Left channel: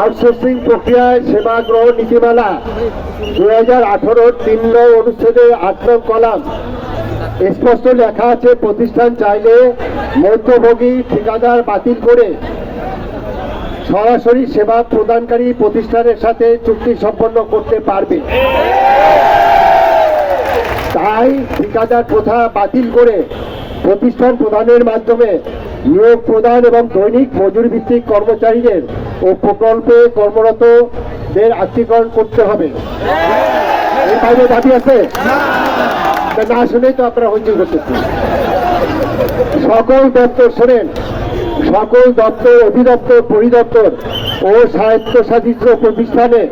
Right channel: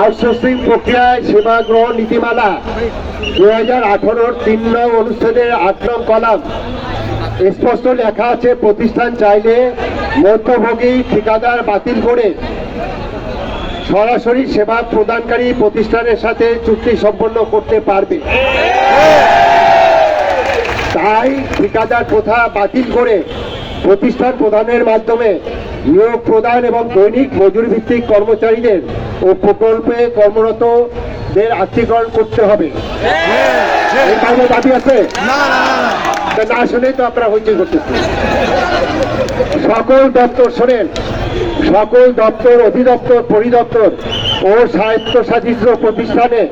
Outsourcing প্রক্রিয়ায় সেবা গ্রহণ নীতিমালা 2018 3 নং অনুচ্ছেদের 8 নং কলাম স্পষ্ট লেখা আছে, প্রতিষ্ঠান চাইলে মধ্যভোগী ঠিকাদার বাতিল করে সরাসরি সেবা প্রদানকারী প্রতিষ্ঠানের সাথে চুক্তি সম্পন্ন করতে পারবে। তাই ঠিকাদার প্রথা বাতিল করে প্রতিষ্ঠান প্রদানের মাধ্যমে নিয়োগ প্রদান এবং দৈনিক মজুরি ভিত্তিক কর্মচারীদের ও প্রকল্পে কর্মরতদের আত্মীকরণ করতে হবে। এই বাইরে দাবি আছে না, শুনেই তো আপনারা হইচই করতেছেন। সকল দপ্তর শোনেন, সকল দপ্তর, অধিদপ্তর, পরিদপ্তর ও স্বায়ত্তশাসিত প্রতিষ্ঠানে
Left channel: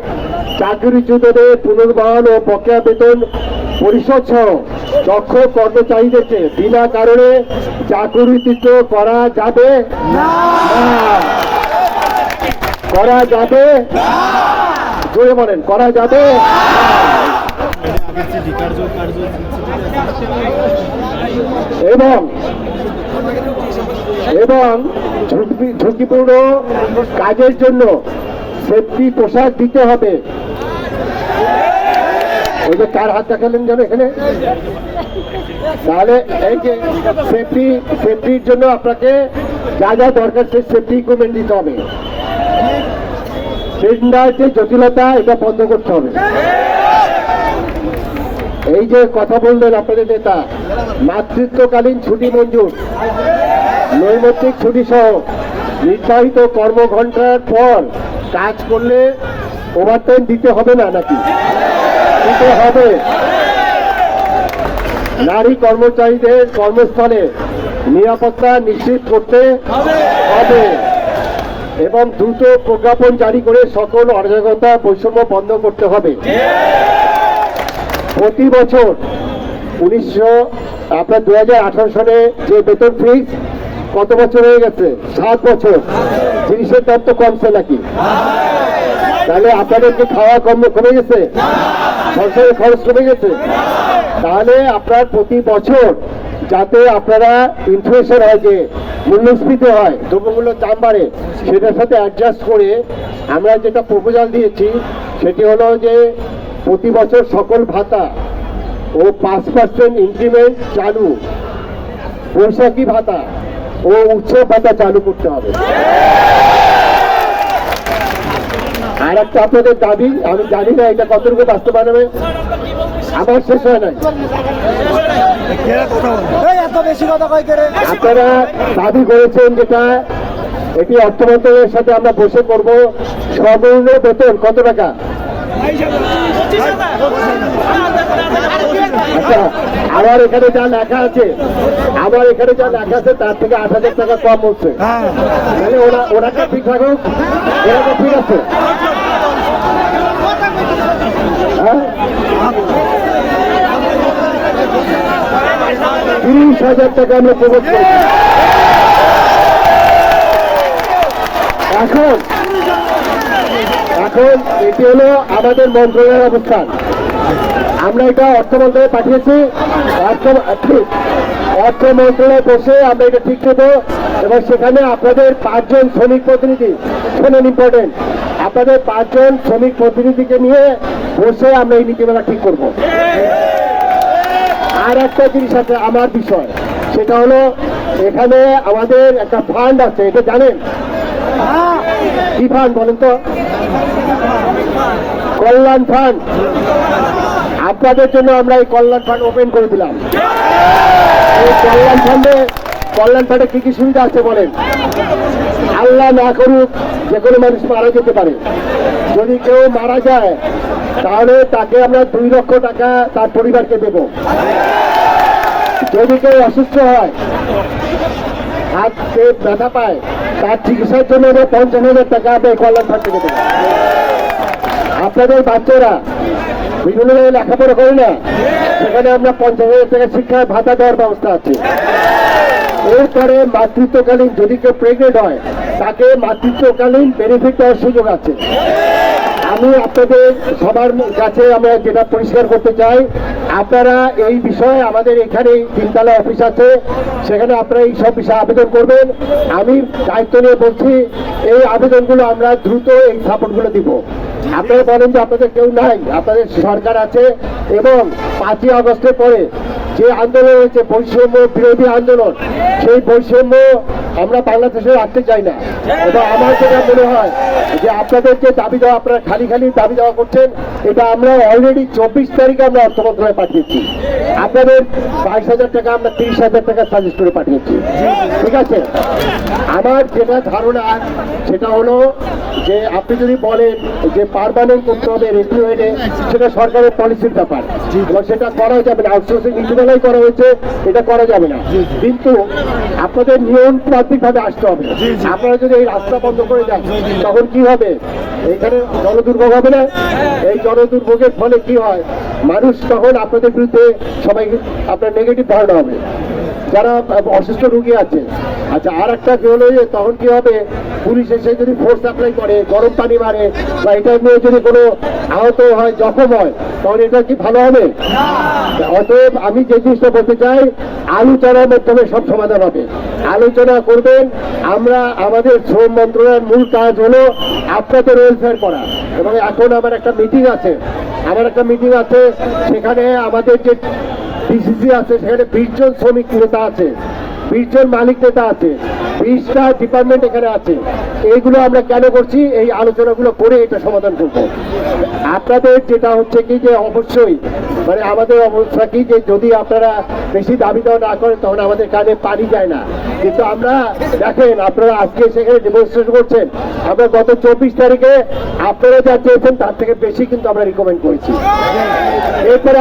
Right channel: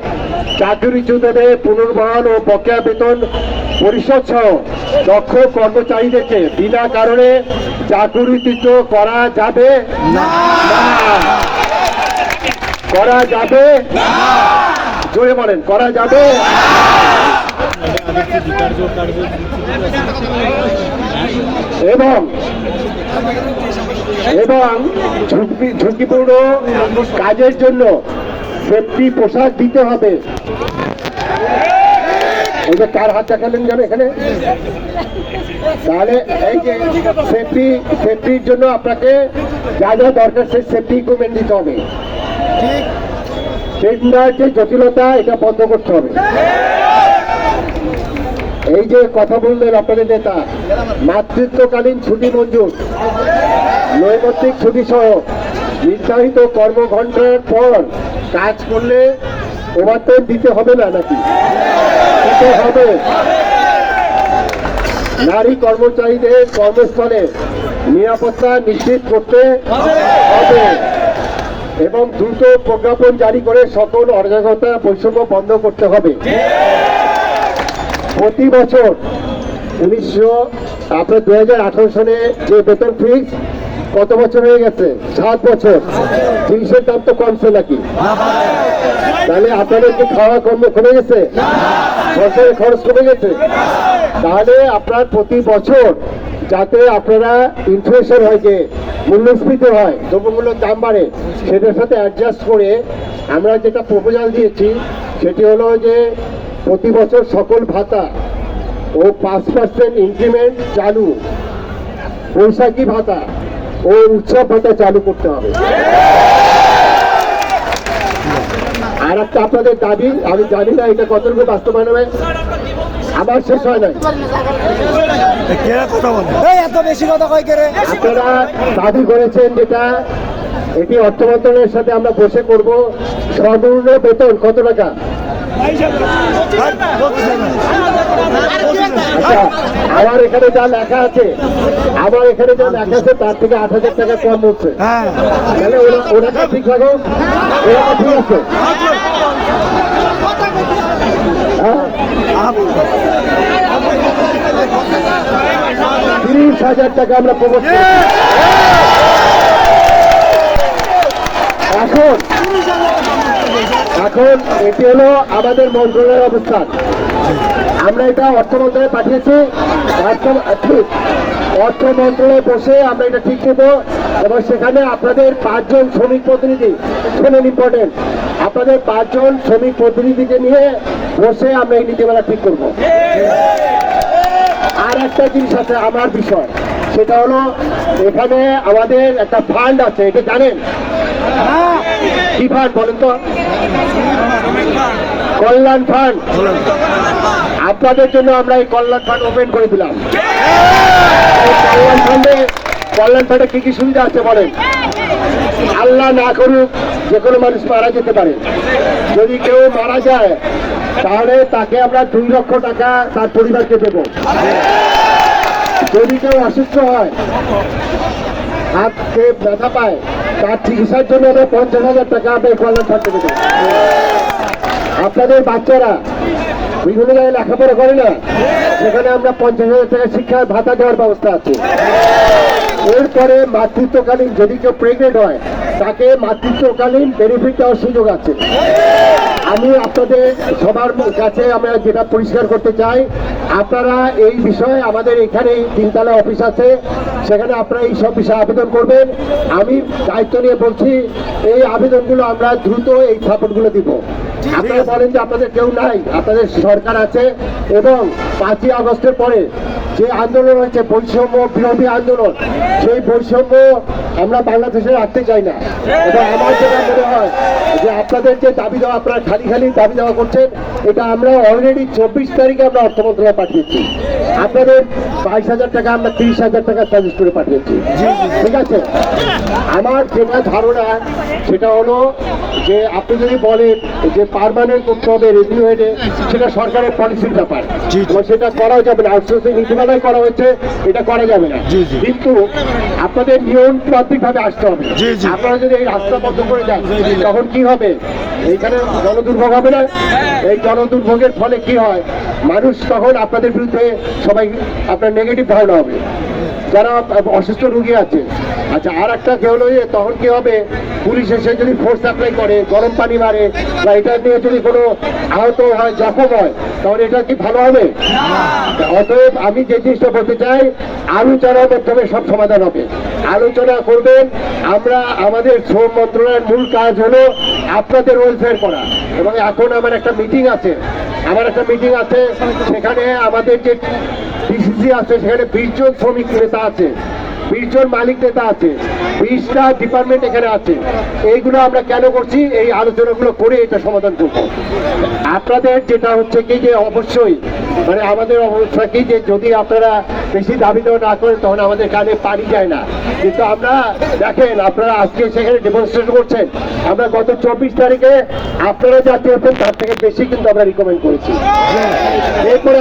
চাকরিচ্যুতদের পুনর্বহাল ও বকেয়া বেতন পরিশোধ সহ দক্ষ কর্মচারীদেরকে বিনা কারণে চাকরিচ্যুত করা যাবে না, করা যাবে, জোরে বলেন, করা যাবে। এবং ঝুঁকিপূর্ণ কাজের জন্য সেফটি পোশাক দিতে হবে। এই যে কার হাত দেখালেন যেন এখানে, তাহলে এই যে সেফটির জন্য আপনাকে যা যা দরকার সেই সেফটি ইকুইপমেন্ট দিতে হবে। টেন্ডার যে জটিলতা, এটা বন্ধ করতে হবে। এই যে কথা বললেন আপনাদের নেতা, মাতৃত্বকালীন ছুটি মঞ্জুর, নৈমিত্তিক ছুটি সহ নির্ধারিত কর্মঘণ্টার পর কাজ করলে ওভারটাইম দিতে হবে না নাকি? দিতে হবে। নারী কর্মচারীদের কর্মস্থলে নিরাপত্তা নিশ্চিত করতে হবে এবং দ্রুত প্রজ্ঞাপন জারি করে সকল অরাজকতা বৈষম্য বন্ধ করতে হবে। প্রতি বছর 2018 সালে যে বেতন ফিক্স কত বছর হয়ে গেছে? 7 বছর। জিনিসের দাম তো কমছে নাকি? তাহলে আপনাদের কি খাওয়া কম কমে গেছে? সরকারের খরচ কমে গেছে? তাহলে আপনার প্রতি বছর যাতে আপনারা ইনফ্লেশন হয়, যে মূল্যস্ফীতি হয়, দ্রব্যমূল্যের দাম বাড়ে, সেটার সাথে অ্যাডজাস্ট করে আমরা যেটা প্রপোজাল দিয়েছি সেটি হলো যে প্রতি বছর সকল ভাতা ও 5% ইনক্রিমেন্ট চালু, বৈশাখী ভাতা ও উৎসব ভাতা চালু করতে হবে। আর একটা আপনাদের দাবি, আমি জানি না এটা কতটুকু বাস্তবায়ন হবে, আমার শেষ হয় নাই। আপনারা দাবি করেছেন যেটা, এটি অর্থ মন্ত্রণালয়ের সাথে আমরা বসে করবো। সর্বনিম্ন বেতন কত টাকা? আমার এখানে যা লেখা আছে, তার থেকে 8,000 টাকা কম হচ্ছে। তাহলে ওরা ঠিক থাকে, ওরা ঠিক আছে। 30,000 টাকা আমরা প্রবোধ করি। এখন এটি হলো আমাদের মন্ত্রণালয়ের অবস্থান। আমরা এটা অর্থ মন্ত্রণালয়ে পাঠিয়েছি। অর্থ মন্ত্রণালয়ে বসে আমরা এটা ঠিক দেবো এবং সেখানে আপনাদের 5 জন শ্রমিক প্রতিনিধি, শোনেন ইম্পর্টেন্ট, আপনাদের 5 জন শ্রমিক প্রতিনিধিকে নিয়ে বসে আমরা এই নীতিমালা ঠিক করব। আর একটা জিনিস আছে আমার বিষয়, সেটা হলো এখানে আমাদের একটা ফান্ড আছে, এটা জানেন? কি ফান্ড বলেন তো? কল্যাণ ফান্ড। আপনাদের জন্য আমরা এই কল্যাণ ফান্ড ওপেন করে দিলাম। এই কল্যাণ ফান্ডে কি কি সুবিধা আছে বলেন? আল্লাহ না করুক, যে কোনো মানুষ মারা যেতে পারে। যদি কেউ মারা যায় তাহলে তাকে আমরা 2 লক্ষ টাকা তার পরিবারকে দেব। যদি কেউ অসুস্থ হয়, হাতে ব্যথা পায়, তার চিকিৎসার জন্য 50,000 টাকা আমরা কল্যাণ ফান্ডে দেব। আপনাদের বাচ্চারা বিভিন্ন জায়গায় লেখাপড়া করে না, সেখানে আমরা 50,000 টাকা শিক্ষা ভাতা দেওয়ার ব্যবস্থা আছে। এরপরে মাতৃত্বকালীন, যদি কেউ প্রেগনেন্ট হয় তাকে মাতৃত্বকালীন বেনিফিট দেওয়ার সুযোগ আছে। আমি আপনাদের সবার কাছে আমরা যেটা পরিষ্কার করতে চাই, আপনারা এই বিষয়ে আমাদের এখানে তিনতলা অফিস আছে, সেখানে আপনারা এই সব বিষয়ে আবেদন করবেন। আমি দায়িত্ব নিয়ে বলছি, এই আবেদনগুলো আমরা দ্রুত এই সাপোর্টগুলো দিব। আপনারা বলেন যে আপনাদের কেউ নাই, আপনাদের সরকার আছে, এবং 5ই আগস্টের পরে যে আন্দোলন হয়েছে বৈষম্য বিরোধী আন্দোলন, সেই বৈষম্য আমরা বাংলাদেশে রাখতে চাই না। এবং আমার যেটা মনে হয় যে আপনাদের যে দাবি দেওয়া, আপনারা খালি দাবি দেওয়া করছেন, এটা আমরা অলরেডি 24 তারিখে আমরা অর্থ মন্ত্রণালয়ে পাঠিয়েছি। আপনাদের 22,000 টাকা আমরা 30,000 টাকা সাজেস্ট করে পাঠিয়েছি। ঠিক আছে, আমার যেটা ধারণা সেটা হলো যে আপনি যদি বলেন যে পার্মানেন্ট করতে হবে রেভিনিউ হেডে, সেটা সরকারের পলিসির ব্যাপার, এবং সেটা করা যাবে না। আউটসোর্সিং নীতিমালায় করা হয়েছে, এটা করা যাবে না। কিন্তু আপনাদের নিয়মতান্ত্রিক ভাবে আসতে হবে। আপনারা যদি এই রাস্তা বন্ধ করে দেন, তখন কি হবে? এখানে জনদুর্ভোগ হবে না? এই জনদুর্ভোগের ফলে কি হয়? মানুষ তখন আপনাদের বিরুদ্ধে সবাই আপনার নেগেটিভ ধারণা হবে, যারা অসুস্থ রোগী আছে। আচ্ছা, আর একটা কি হলো যে তখন কি হবে, পুলিশ এসে যদি ফোর্স অ্যাপ্লাই করে, গরম পানি মারে, বা এটা নিয়ে যদি কোনো আহত হয়, জখম হয়, তখন এটা কি ভালো হবে? অতএব আমি যে জিনিসটা বলতে চাই, আলোচনার মাধ্যমে সব সমাধান হবে। আলোচনা করবেন। আমরা আমাদের শ্রম মন্ত্রণালয়ের মূল কাজ হলো আপনাদের ওয়েলফেয়ার করা। এবং এখন আমার একটা মিটিং আছে, সেখানে আমাদের যে ডিসিসি আছে, সেখানে 20 জন শ্রমিক নেতা আছে, 20 জন মালিক নেতা আছে, 20টা ডিপার্টমেন্ট এখানে আছে। এইগুলো আমরা কেন করছি? এই আলোচনাগুলো করে এটা সমাধান করবো। আপনাদের যেটা হচ্ছে কি যে অবশ্যই মানে আমাদের অবস্থা কি যে যদি আপনারা বেশি দাবি দেওয়া না করেন, তখন আমাদের কানে পানি যায় না। কিন্তু আমরা দেখেন, আপনারা আজকে সেখানে ডেমনস্ট্রেশন করছেন, আমরা গত 24 তারিখে আপনারা যা চেয়েছেন তার থেকে বেশি কিন্তু আমরা রিকমেন্ড করেছি। এরপরে